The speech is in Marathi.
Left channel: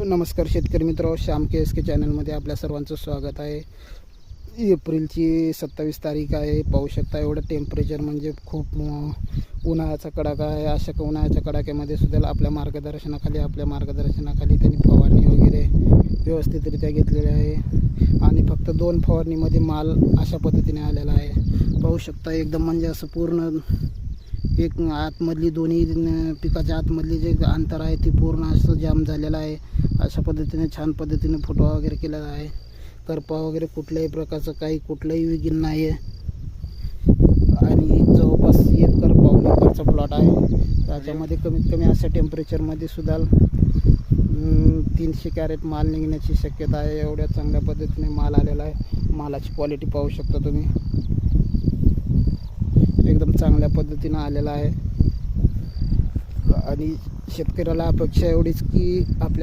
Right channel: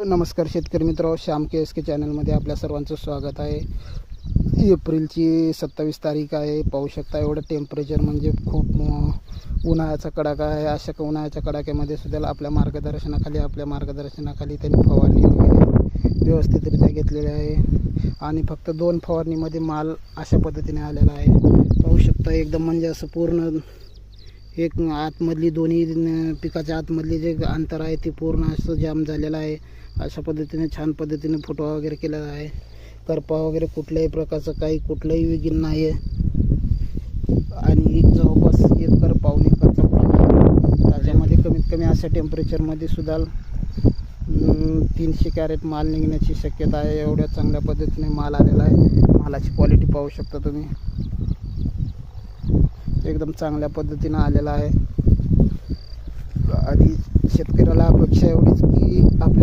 नमस्कार शेतकरी मित्र, श्याम के एस के चॅनलमध्ये आपल्या सर्वांचं स्वागत आहे. एप्रिलची 27 तारीख आहे. पाहू शकता एवढं टेम्परेचर म्हणजे खूप उन्हाळ्याचा कडाका आहे. अशा उन्हाळ्याच्या कडाक्यामध्ये सुद्धा आपल्या मार्गदर्शनाखाली त्यांनी फवारणी वगैरे व्यवस्थितरित्या घेतलेली आहे आणि फक्त 2 फवारणीमध्ये माल अशा पद्धतीने आलेला आहे. पाहू शकता एकदम म्हणजे असं पूर्ण एक आतमधली दोन्ही पिकाच्या आतमधली जे अंतर आहे ते पूर्ण असं जाम झालेलं आहे. अशा पद्धतीने छान पद्धतीने फुटवा वगैरे केलेला आहे. करपा वगैरे कुठल्याही प्रकारचं कुठलंही विघ्न नाही आहे आणि जवळपास 1 एकरचा प्लॉट आहे. त्याच्यामध्ये कमीत कमी अशा टेम्परेचरमध्ये सुद्धा 300 कॅरेट माल निघण्याची शक्यता आहे. एवढ्या चांगल्या पद्धतीने माल आलेला आहे. मालाची क्वालिटी पाहू शकता तुम्ही, एकदम चांगल्या पद्धतीनं आलेला आहे आणि शेतकऱ्याला अपेक्षा एवढीच की आपल्या